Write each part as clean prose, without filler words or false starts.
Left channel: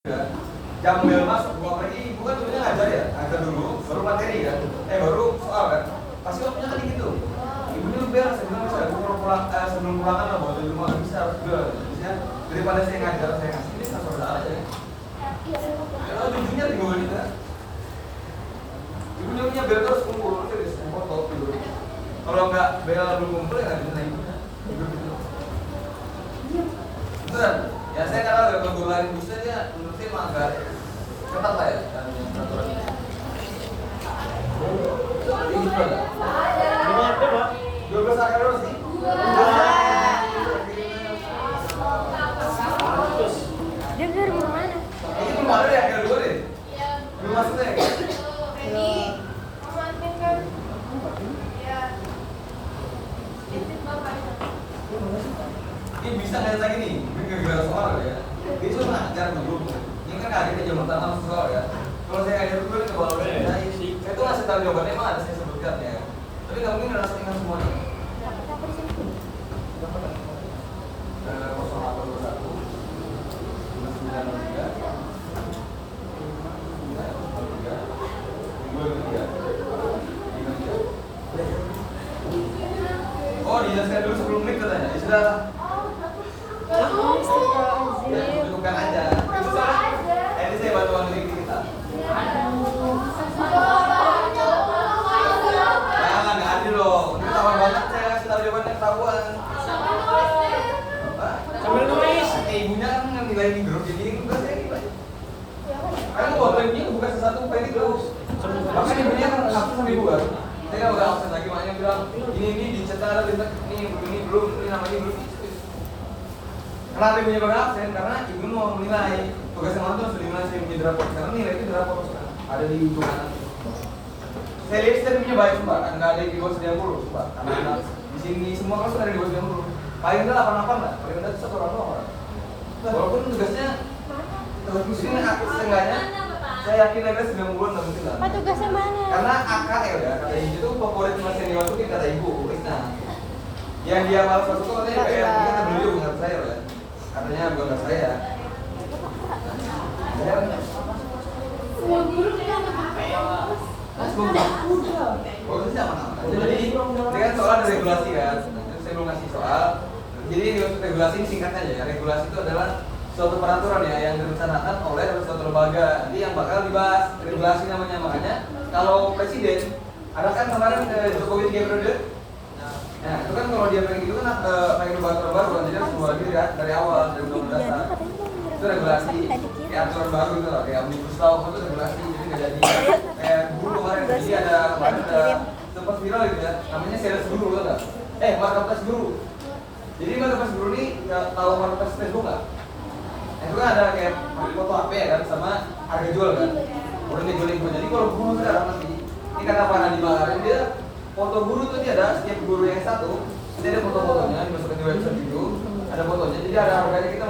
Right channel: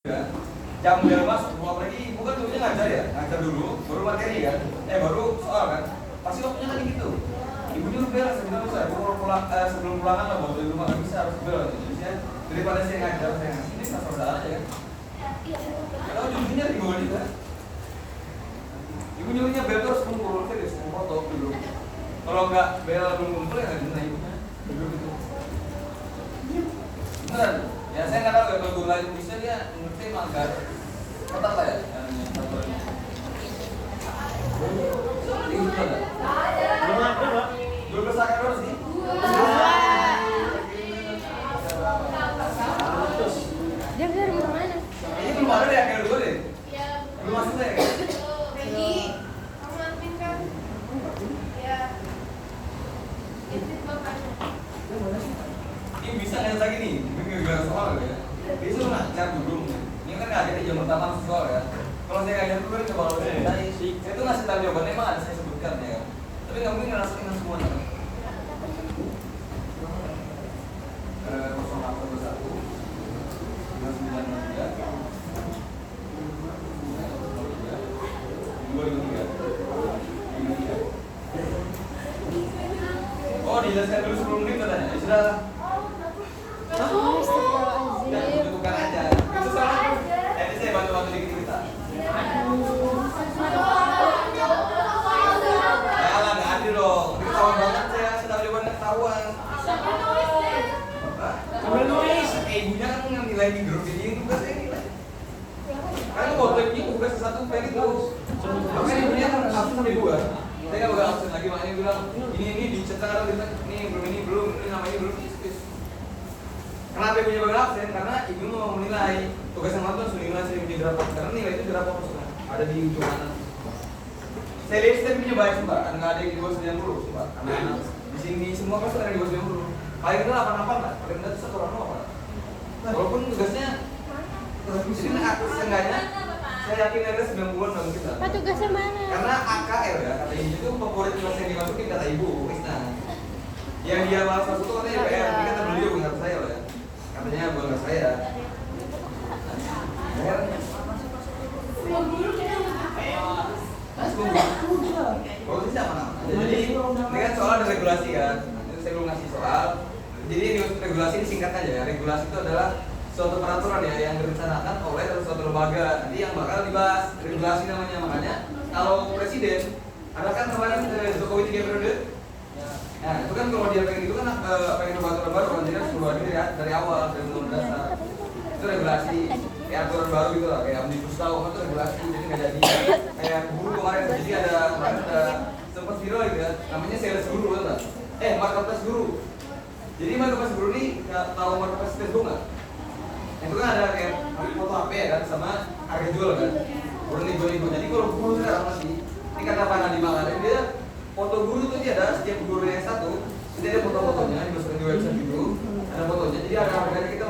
Jam bel masuk, apalagi bukan dulunya ngajar ya, ngajar dulu, baru materi kan, baru soal kan, pasti waktunya kan gitu. Ibunya udah sebelum pulangan lah, mau dari rumah bisa harus jual, jadi daripada saya ngajar saya ngasih ini nggak saudara aja. Kalau ibunya di bawah juga, ibu nyuruhnya bel terus kumpul, terus foto ibu. Kalau nggak bel belum kumpul ya nggak bisa ibunya. Beneran, ya saya karena kebetulan bisa dia menurut saya emang agak ketat lah ya. Ini juga nggak? Belum ada, Pak. 12 akar berapa sih? Dia dari mana? Ini belum ada ya akar 2 deh? Belum masuknya ya? Ini bisa ngeliat lagi nih, ini gara-gara soal ya. Itu ngajar dulu. Ini kan nggak ada di jam pertama soal ya. Kalau saya ngajar dulu, kalau udah saya itu ngasih tahu jawabannya emang ada saya sebutkan ya. Tapi nggak mungkin ngerasain ingat semua. 0813 oh, dijelaskan dulu 10 menit katanya. Ya sudah. Ya, bukan aja. Itu salah. Ini saya bantu dikit kita. Jangan nggak adil dong. Ini ketahuan banget saya ngasih tahu jawabannya ketahuan. Sambil nulis. Ibunya kan nilai di grup jadi bukan saya nilai. Karena foto ini bukan sesuatu pengen itu. Makanya ibunya kan absen sama ibu kan. Saya nggak bakal absen lagi, makanya bilang ini dicetak ini belum, ini namanya belum. Kenapa ibunya bakal absen? Karena ibu mau menilai tugas yang mantu sudah sering di rapor. Karena nilai itu di rapor ada di ujung. Saya lihat saya punya baik sumpah, nggak ada yang di bawah 90 sumpah. Karena di sini semua kelas ada di bawah 90. Paling rendah 88 lah, paling rendah 1 orang. Walaupun tugasnya di sini seenggaknya saya yakin ada 90-an lah mungkin lah. Pak tugasnya mana? Karena AKL ya, kata ibu itu favorit mas yang dimasukin kata ibu, Krisna. Yang dia malas masuk itu katanya kayak ini kata beliau bukan saya loh ya. Katanya bukan saya. Oh tidak mana? Jadi ini kan soal ada regulasi kan. Saya belum ngasih soal. Jadi regulasi ini singkatnya aja ya. Regulasi itu adalah suatu peraturan ya yang direncanakan oleh suatu lembaga. Jadi yang bakal dibahas regulasi namanya. Makanya kalau presiden ada kan kemarin Jokowi 3 periode. Nah itu kan kalau dia pengen gitu kan pengen ubah aturan baru kan jadi harus ubah diri ya dari awal dari undang dasar. Itu regulasi kayak aturan baru gitu lah kayak omnibus law itu regulasi jadi nggak jadi kayak guru kemarin jadi ada sempat viral gitu ya namanya sales guru loh kan marketplace guru. Jadi marketplace guru ini nggak tahu marketplace Facebook nggak? Itu kan ada kayak foto HP ya kan sama harga jual kan beli. Jadi kalau guru sekarang masih ini kata Pak Nadiem kemarin dia foto guru tuh dia ada setiap guru yang satu ini ada foto-fotonya dimasukkan di website itu ada fotonya jadi ada harganya kita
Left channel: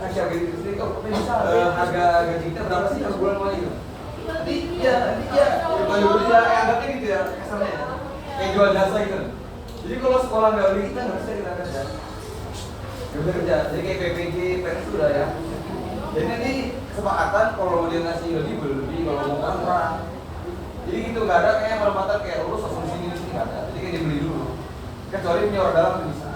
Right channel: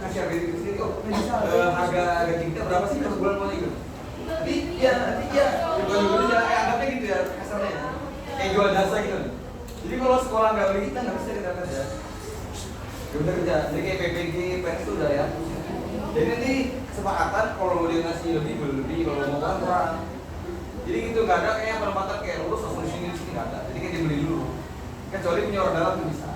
kasih harga diri sendiri harga gaji kita berapa sih satu bulan mulai gitu. Tapi ya jual dulu ya anggapnya gitu ya kesannya kayak jual jasa gitu. Jadi kalau sekolah nggak beli kita nggak bisa kita kerja. Udah kerja, jadi kayak PPG, PNS itu udah ya. Jadi nanti kesepakatan kalau mau dia ngasih lebih beli, kalau mau kan kurang. Jadi gitu nggak ada kayak perempatan kayak lulus langsung di sini nggak ada. Jadi kayak dibeli dulu. Kecuali punya orang dalam tuh bisa.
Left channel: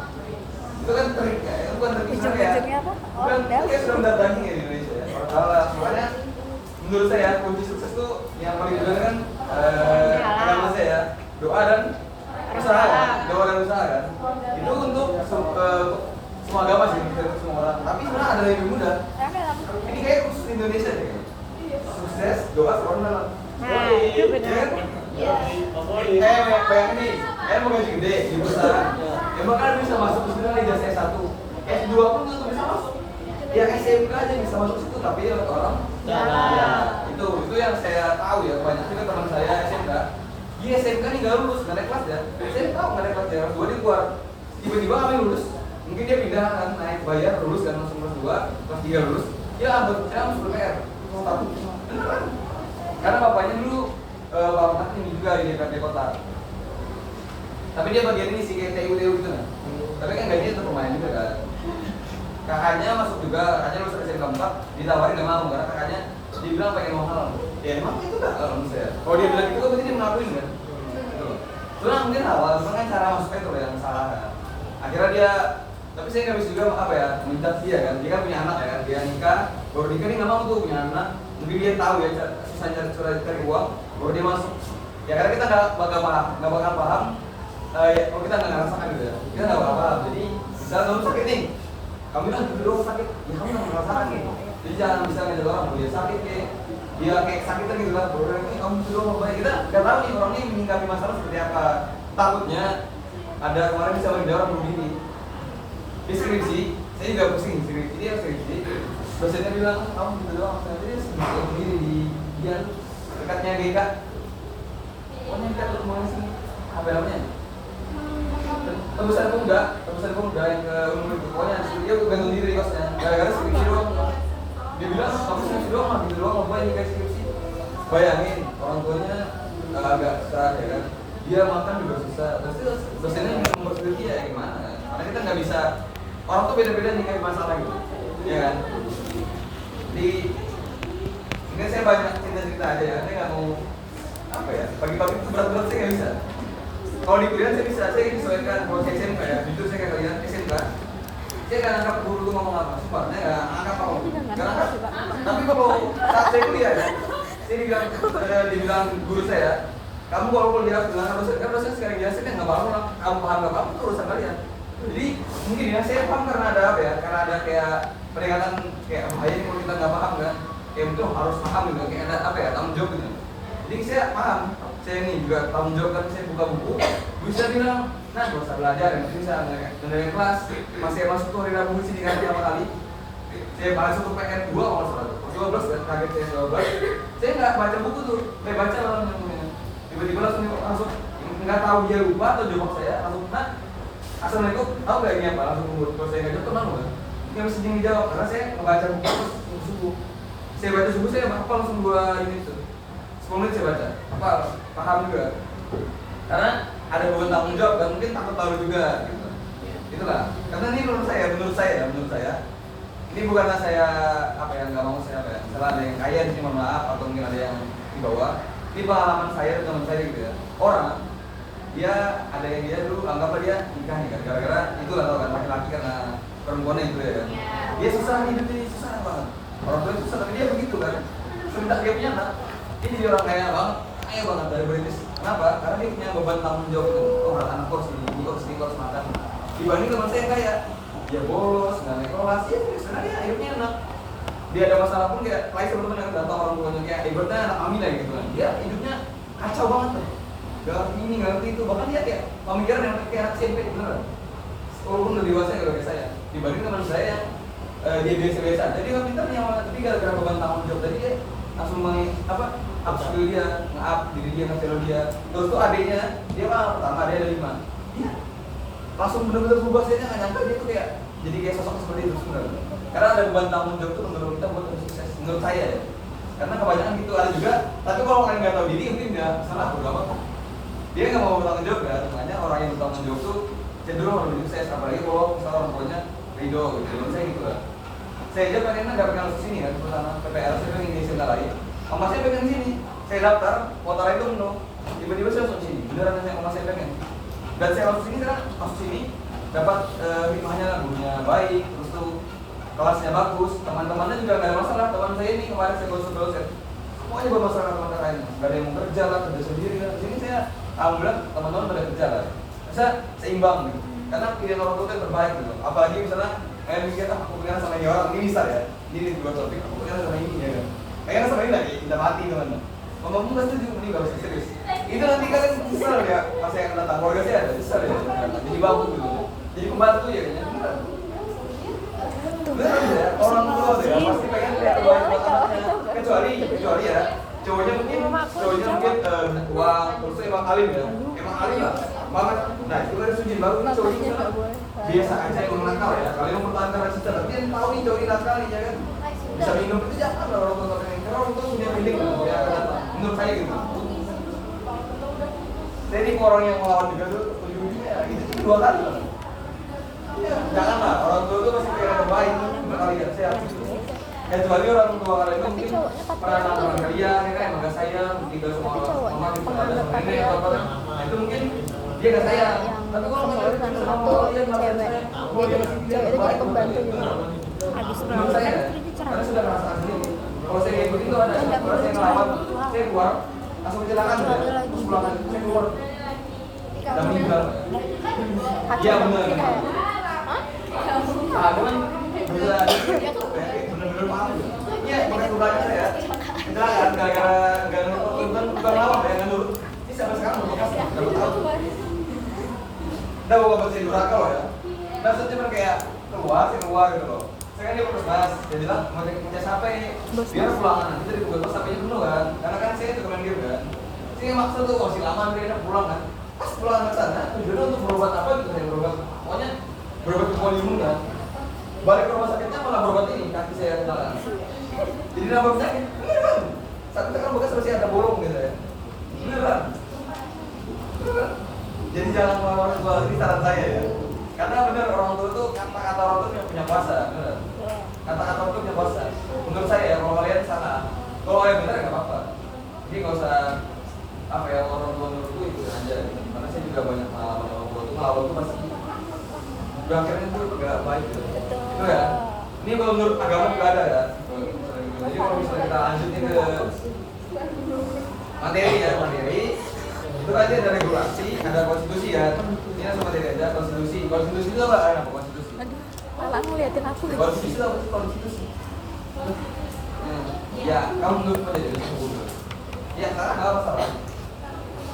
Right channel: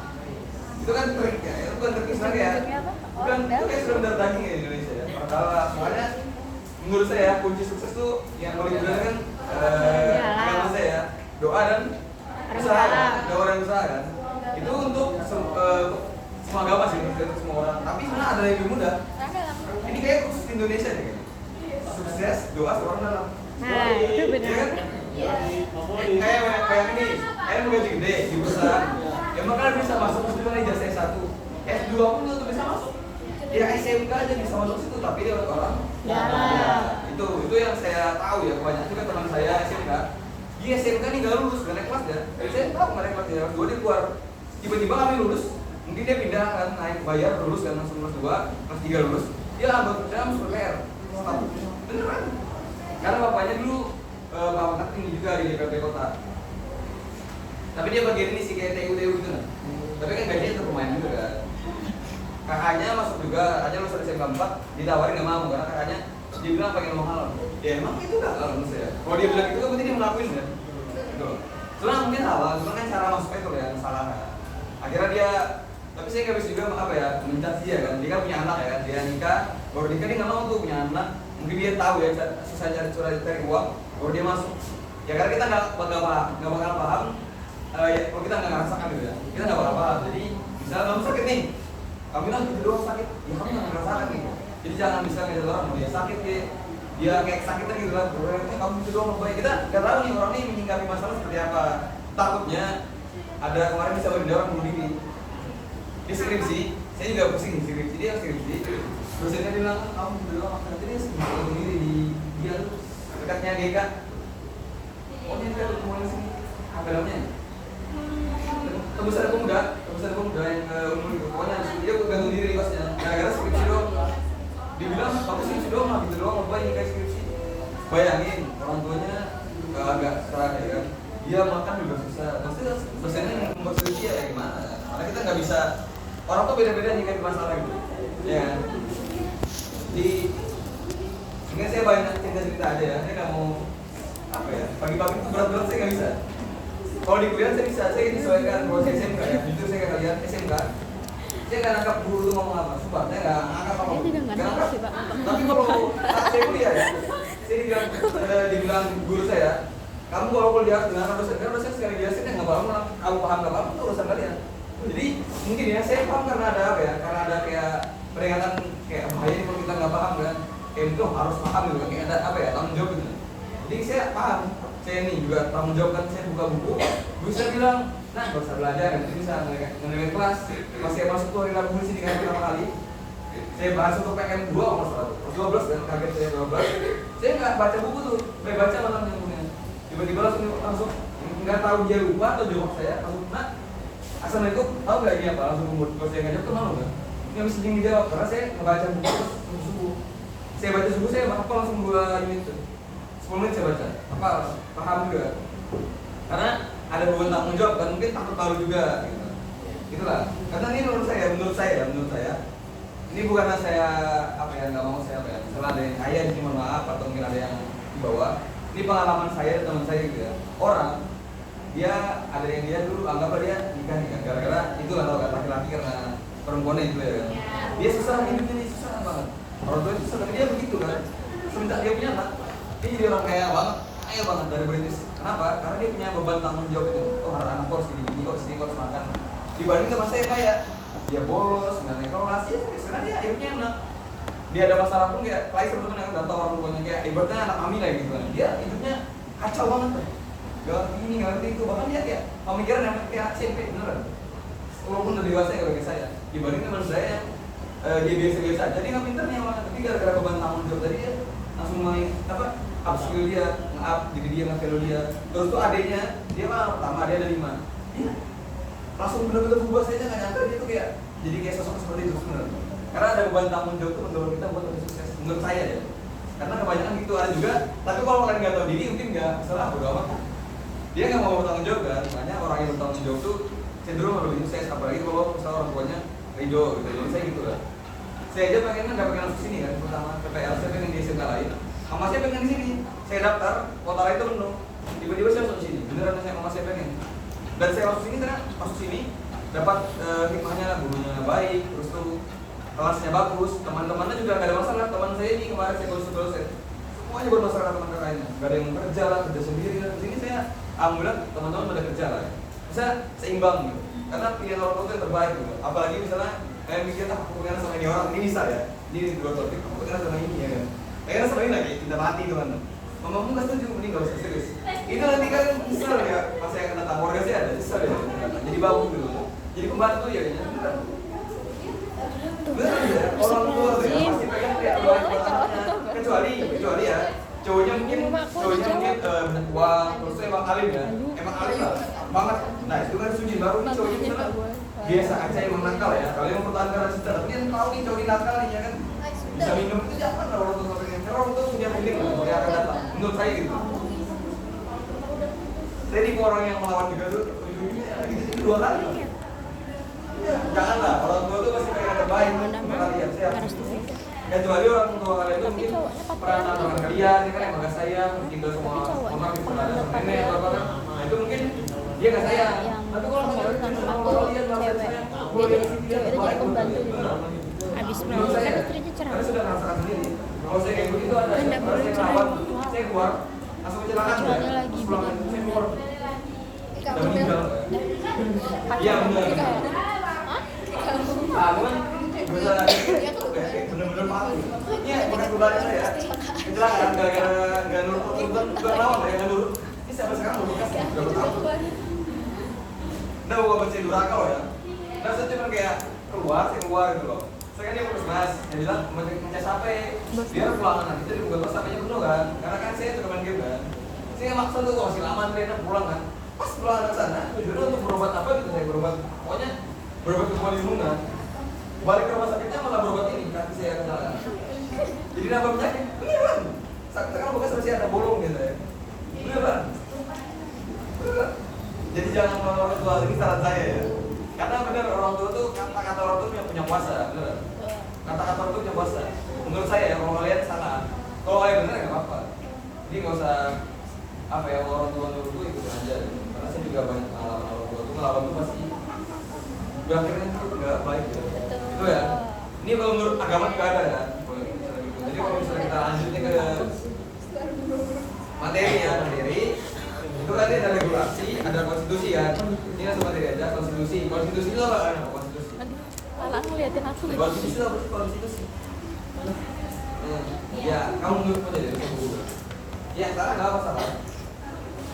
Itu kan trik ya, itu kan trik ya. Bukan itu kayak sudah mendatangi ya di Indonesia ya. Orang dalam, makanya menurut saya kunci sukses tuh yang paling benar kan menurut saya ya doa dan usaha ya. Doa dan usaha kan. Itu untuk semua agama sih, untuk semua orang. Tapi sebenarnya ada yang lebih mudah. Ini kayak khusus Indonesia nih. Sukses, doa, orang dalam. Nah, itu benar. Iya. Kayak bayangin nih, kalian mau gaji gede di perusahaan. Ya bakal bisa masuk ke sana ijazah S1. S2 pun tuh bisa masuk. Ya SMK aja bisa masuk situ tapi dia orang. Nah, itu yang saya tahu ya banyak juga teman saya SMK. Dia SMK nih nggak lulus, nggak naik kelas ya. Saya tahu nggak naik kelas ya. Dua dia keluar. Tiba-tiba kami lulus. Mungkin dia pindah kan naik bayar lulus kan langsung kelas 2, kelas 3 lulus. Dia langsung PR. Beneran. Karena bapaknya dulu Pak ini juga di DPRD kota. Tapi dia bagian ini sih kayak TU gitu nah. Tapi kan gajinya tetap pemain juga kan. kakaknya masuk juga, kakaknya lulus dari keempat, ditawarin nggak mau karena kakaknya dibilang pengen mau halal. Ya emang itu udah halal maksudnya. Kalau dia bilang itu kan berarti dia mengakuin kan. Gitu loh. Cuma mungkin halal, cuma kan cara masuknya itu yang salah. Akhirnya dia, tapi saya nggak bisa juga apa ya, menjudge dia kan. Dia kan punya anak ya, dia nikah, baru nikah dia nggak mau tuh punya anak. Mungkin dia tahu ya susah cari uang, baru dia masuk. Ya karena kita nggak bakal paham. Ya, kalau kita nggak ngerasakan gitu ya, kita nggak bakal paham. Jadi misalnya kamu sakit nih, kamu bilang gitu doang sakit, ya kamu nggak ngerasakan nih. Jadi jangan bisa ngajak orang, mau dia sakit kayak dia kayak kesakitan gitu lah, kamu gitu doang mau kita nggak tahu nih orang ini menyingkapi masalah seperti apa. Takutnya ada kemarin bisa berdua orang bunuh diri di skripsi, saya juga pusing skripsi dia skripsi. Dosennya bilang kamu gitu doang, nanti dia bunuh diri di dia dekatnya GK. Oh ini kita ketemu sini, apa namanya? Tebusan pemuda yang ke umur itu, pokoknya dia gantung diri kosnya, gara-gara skripsi doang. Dia bilang kamu skripsi doang mah gitu doang, ngapain dia kayak skripsi? Bayangin orang tuanya agak serak ya kan, dia makan juga susah, pasti dosennya yang membuat skripsi ya gimana? Karena kita nggak bisa, orang tuh beda-beda nih kayak masalah gitu, ya kan? Di ini saya banyak cerita aja ya, ini nggak mau apa ya, pagi-pagi itu berat-berat saya nggak bisa. Kalau di kuliah saya bisa, saya disesuaikan. Kalau saya SMK ya, jujur saya ke kalian SMK, saya nggak nangkap guru itu ngomong apa, sumpah saya nggak nangkap apa, nggak nangkap. Tapi kalau saat saya kuliah ya, saya dibilang guru saya, kamu kalau kuliah dengan dosen sekali biasa kan nggak paham, kamu paham nggak paham itu urusan kalian. Jadi mungkin ya saya paham karena ada apa ya, karena ada kayak peringatan kayak bahaya ini kalau kita nggak paham kan, kayak itu harus paham gitu, kayak ada apa ya tanggung jawab gitu. Jadi saya paham. Saya ini juga tanggung jawab kan, saya buka buku, bisa bilang, nah gak usah belajar, yang penting bisa ngedengerin kelas. Masih masuk tuh hari Rabu sini kan pertama kali. Saya bahas untuk PKN 2 kalau 12 dan kaget saya 12. Saya nggak baca buku tuh, saya baca malam yang tiba-tiba langsung nggak tahu dia lupa atau jawab saya langsung nah assalamualaikum, tahu nggak ini apa langsung umur. Kalau saya nggak jawab kemana kan? Nggak bisa dijawab karena saya ngebaca buku terus subuh. Saya baca subuh saya apa langsung 2 ini tuh. 10 menit saya baca, apa paham juga karena ada beban tanggung jawab dan mungkin takut tahu juga gitu. Itulah, karena ini menurut saya ini bukanlah saya apa yang nggak mau saya apa ya, misalnya ada yang kaya di sini mohon maaf atau mungkin ada yang di bawah. Ini pengalaman saya teman saya gitu ya, orang dia ada yang dia dulu anggaplah dia nikah nih kan gara-gara itu atau kan laki-laki karena perempuannya gitu ya, dia susah hidup ini susah banget, orang tua itu susah tapi dia begitu kan, sebentar dia punya anak. Ini jadi orang kaya banget dari British. Kenapa? Karena dia punya beban tanggung jawab itu. Oh, anak harus ini harus makan. Dibanding teman saya kaya, dia bolos, nggak naik kelas, ya sebenarnya dia hidupnya enak. Dia ada masalah pun kayak lain teman-teman yang datang orang tuanya kayak ibaratnya anak Amina gitu kan. Dia hidupnya kacau banget tuh. Gak ngerti ini, gak ngerti itu. Bahkan dia kayak pemikiran yang kayak anak SMP beneran. Walaupun udah dewasa ya kalau saya. Dibanding teman saya yang dia biasa-biasa. Jadi nggak pintarnya malah tapi gara-gara beban tanggung jawab tadi dia langsung upskill dia, nge-up diri dia, nge-follow dia. Terus tuh adiknya, dia mah pertama ada 5. Dia langsung bener-bener berubah, saya nggak nyangka dia tuh kayak jadi kayak sosok seperti itu sebenarnya. Karena ada beban tanggung jawab tuh mendorong kita buat lebih sukses, menurut saya ya. Karena kebanyakan gitu ada juga, tapi kalau orang nggak tahu diri mungkin nggak salah berapa. Dia nggak mau bertanggung jawab kan, makanya orang yang bertanggung jawab tuh cenderung lebih sukses, apalagi kalau misalnya orang tuanya ridho gitu. Jadi saya gitu lah. Saya aja pengennya nggak pengen langsung sini kan, karena PPL saya pengen di sini lain. Mama saya pengen di sini, saya daftar, kota itu dong. Tiba-tiba saya masuk sini, beneran nanya mama saya pengen. Dan saya masuk sini karena masuk sini dapat hikmahnya, gurunya baik, terus tuh kelasnya bagus, teman-temannya juga nggak ada masalah. Teman saya ini kemarin saya dosen, semuanya bermasalah teman lainnya, nggak ada yang mau kerja lah, kerja sendiri lah. Di sini saya alhamdulillah teman-teman pada kerja lah. Bisa seimbang gitu, karena pilihan orang tua itu yang terbaik gitu. Apalagi misalnya kayak mikir aku pengen sama ini orang, ini bisa ya, ini 2 tahun, aku pengen sama ini ya kan. Kayaknya sama ini lagi, kita mati teman-teman. Mamamu nggak setuju, ini nggak usah serius. Itu nanti kalian nyesel ya, pas saya akan datang keluarga saya ada nyesel ya, jadi babu gitu. Jadi pembantu ya kayaknya, beneran. Beneran ya, orang tua tuh ya pasti pengen lihat kecuali ya, cowoknya mungkin banyak uang, terus emang alim ya, emang alim lah, banget. Nah itu kan sujud baru nih cowoknya misalnya biasa aja emang nakal ya. Kalau yang mempertahankan cinta, tapi yang tahu nih cowoknya nakal nih ya kan. Bisa minum itu jangan lah orang tua pengen, karena orang tua punya feeling gitu, ya kan? Menurut saya gitu. Saya ini orang yang melawan juga tuh ujung-ujungnya gitu 2 kali. Janganlah, orang tua tuh pasti pengen yang terbaik untuk kalian. Saya Harus dibaca. kecuali orang tua kalian tuh Tapi mungkin cowoknya pernah patriarki. dengan kalian, ya kan emang gak sayang, tinggal sama Tapi cowoknya mama, bisa penganut ada sama nenek, patriarki. apa nah, itu mungkin dia gak sayang. Yang Tapi kalau sama misalnya urusan sama rumah tuh kalian, cewek. oh, Dia iya, jadi cewek itu jadi pembantu gitu. Habis menurut saya, istrinya cerai. karena sudah merasakan sendiri. Kalau saya kayak begitu ada Kan nggak orang boleh yang cerai ngerawat, waktu apa. saya keluar, langsung kecelakaan Kecuali ya. lagi Pulang, bikin saya keluar. Kalau Udah meninggal. pakai Iya, banget bener. sih kayak, hah? Aku kan bisa bener-bener malu. Iya, bekas keluarga saya kecelakaan gara-gara nggak nurutin bukan lawan ya nggak nurut. Ini sampai sekarang belum lepas berapa tahun. Nah, bukan berarti durhaka loh ya. Nah, saya cuma kayak keluar gitu loh. Saya kan dia mas, dia bilang mau capek, biar pulang nanti dari bos sampainya penuh kan. Karena kan saya juga main game kan. Saya maksa tuh masih lama dia pulang kan. Pas pulang ke sana, tujuannya untuk berobat apa gitu saya berobat. Pokoknya berobat ke lingkungan. Balik ke rumah sakitnya malah berobat ini kaki saya yang salah. Jadi nambah penyakit, ini bang. Sampai sekarang bekas masih ada bolong gitu ya. Ini bang. Jadi jangan mau orang tua ini saran saya ya. Karena benar orang tua tuh kata-kata orang tua punya kuasa, benar. Kata-kata orang tua punya kuasa. Menurut saya ya, kalau kalian salah, kalau kalian benar ya nggak apa-apa. Jadi nggak usah apa ya orang tua menurut itu ikutin aja. Karena saya juga banyak pengalaman orang tua tuh ngelawan tuh pasti akhirnya itu nggak baik gitu. Itu ya. Ini kalau menurut agama juga ada ya. Jadi kalau misalnya kita lanjutin ke materi ya, materi itu tadi ada regulasi, ada konstitusi ya. Ini langsung materi aja, konstitusi. Konstitusi itu apa? Apa konstitusi? Malah ngeliatin aku lagi. Konstitusi itu apa sih konstitusi? Ya, kamu menurut apa jadi kamu buka? Ya, sekarang nggak apa salah.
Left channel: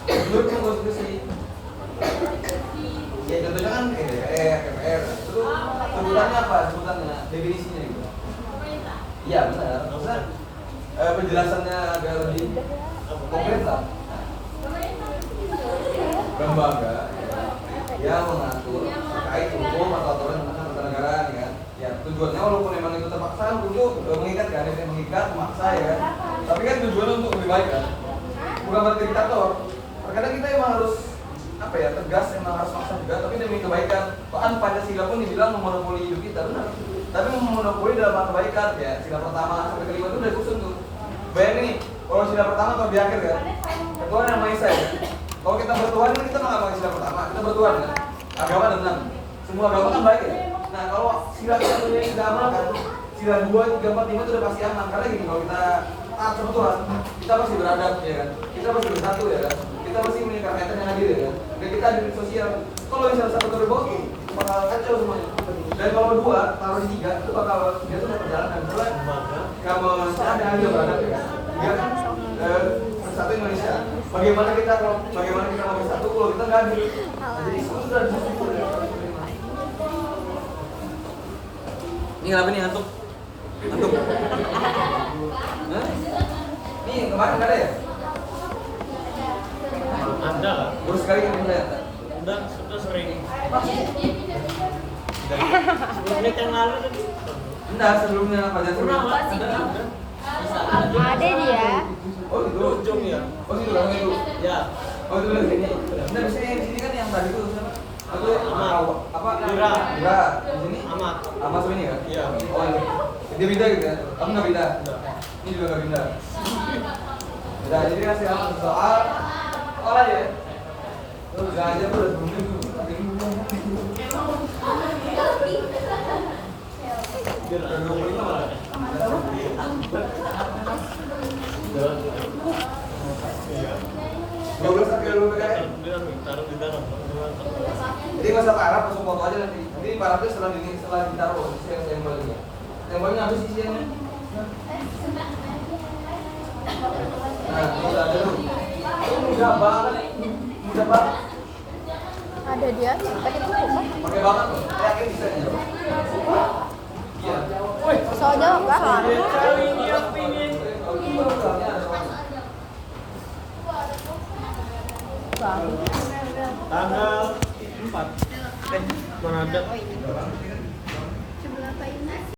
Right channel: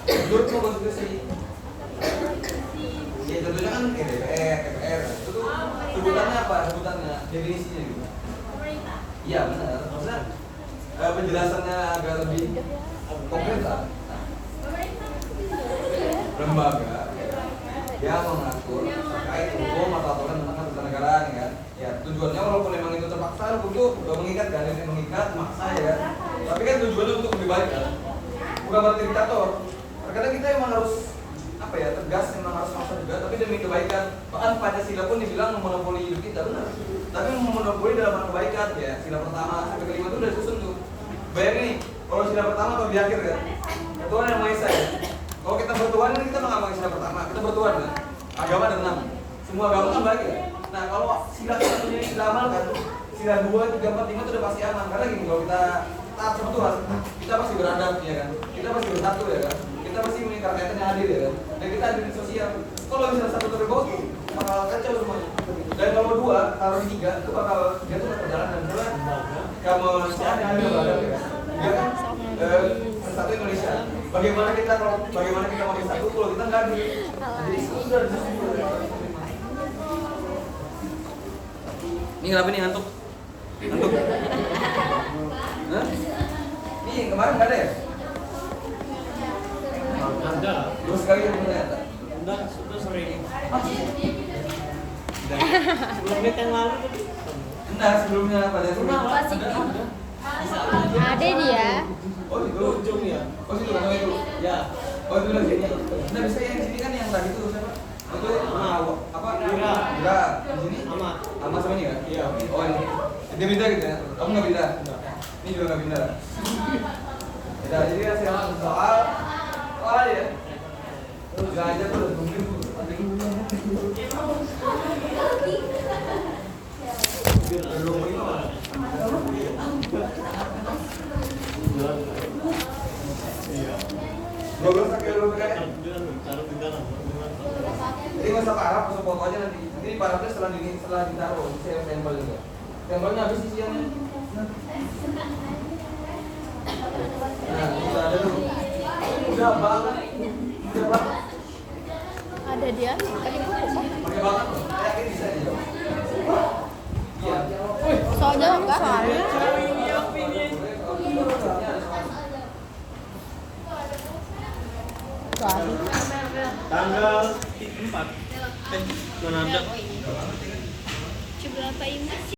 Menurut kamu konstitusi? Ya contohnya kan DPR, itu tuh sebutannya apa? Sebutannya, definisinya gitu. Iya benar. Maksudnya penjelasannya agak lebih konkret lah. Lembaga yang mengatur terkait hukum atau aturan tentang ketatanegaraan ya. Ya tujuannya walaupun memang itu terpaksa, hukum itu mengikat kan, yang mengikat, maksa ya. Tapi kan tujuannya untuk lebih baik kan. Bukan berarti diktator. Terkadang kita emang harus apa ya tegas, memang harus maksa juga, tapi demi kebaikan. Bahkan Pancasila pun dibilang memonopoli hidup kita, benar. Tapi memonopoli dalam hal kebaikan ya. Sila pertama sampai kelima itu udah disusun tuh. Bayangin nih, kalau sila pertama atau di akhir kan, Tuhan yang Maha Esa ya. Kalau kita bertuhan kan kita nggak pakai sila pertama, kita bertuhan kan. Agama ada 6. Semua agama kan baik ya. Nah kalau sila kita punya yang kita amalkan, sila 2, 3, 4, 5 itu udah pasti aman. Karena gini, kalau kita taat sama Tuhan, kita pasti beradab ya kan. Kita pasti bersatu ya kan. Kita pasti meningkat kaitan yang adil ya kan. Dan kita adil sosial. Kalau misalnya satu terbagi, bakal kacau semuanya. Dan kalau 2, taruh di 3, itu bakal dia tuh perjalanan. Mulai kamu ada adil beradab ya kan. Ya kan? Satu Indonesia. Bagaimana kita mau bersatu kalau kita nggak adil? Jadi sudah. Ini kenapa nih ngantuk? Ngantuk? Hah? Ini kemarin nggak ada ya? Ada lah. Baru sekali ketemu saya. Sudah sering. Menit yang lalu tadi. Enggak, sebelumnya pada sebelumnya. Ada dia. Oh itu. Ujung ya. Oh itu kan itu. Ya. Oh itu lagi. Nah bisa yang di sini kan yang tadi tuh siapa? Aku apa? Dira. Di sini? Amat. Amat sama ini kan? Iya. Oh ini. Dia pindah gitu ya? Kamu nggak pindah? Enggak. Ini juga nggak pindah. Ya, jadi kasih langsung soal aja ya. Terus gak aja tuh udah belum Dua belas kaki dulu PKN. Taruh di dalam. Jadi nggak usah parah, langsung foto aja nanti. Jadi parahnya setelah ditaruh, saya stempel juga. Stempelnya habis isiannya. Nah, udah ada tuh. Udah banget. Udah banget. Ada dia. Pakai buku kan? Pakai banget tuh. Yakin bisa ya? Iya. Soal jawab kan? Tanggal 4. Mana ada? Berapa ini?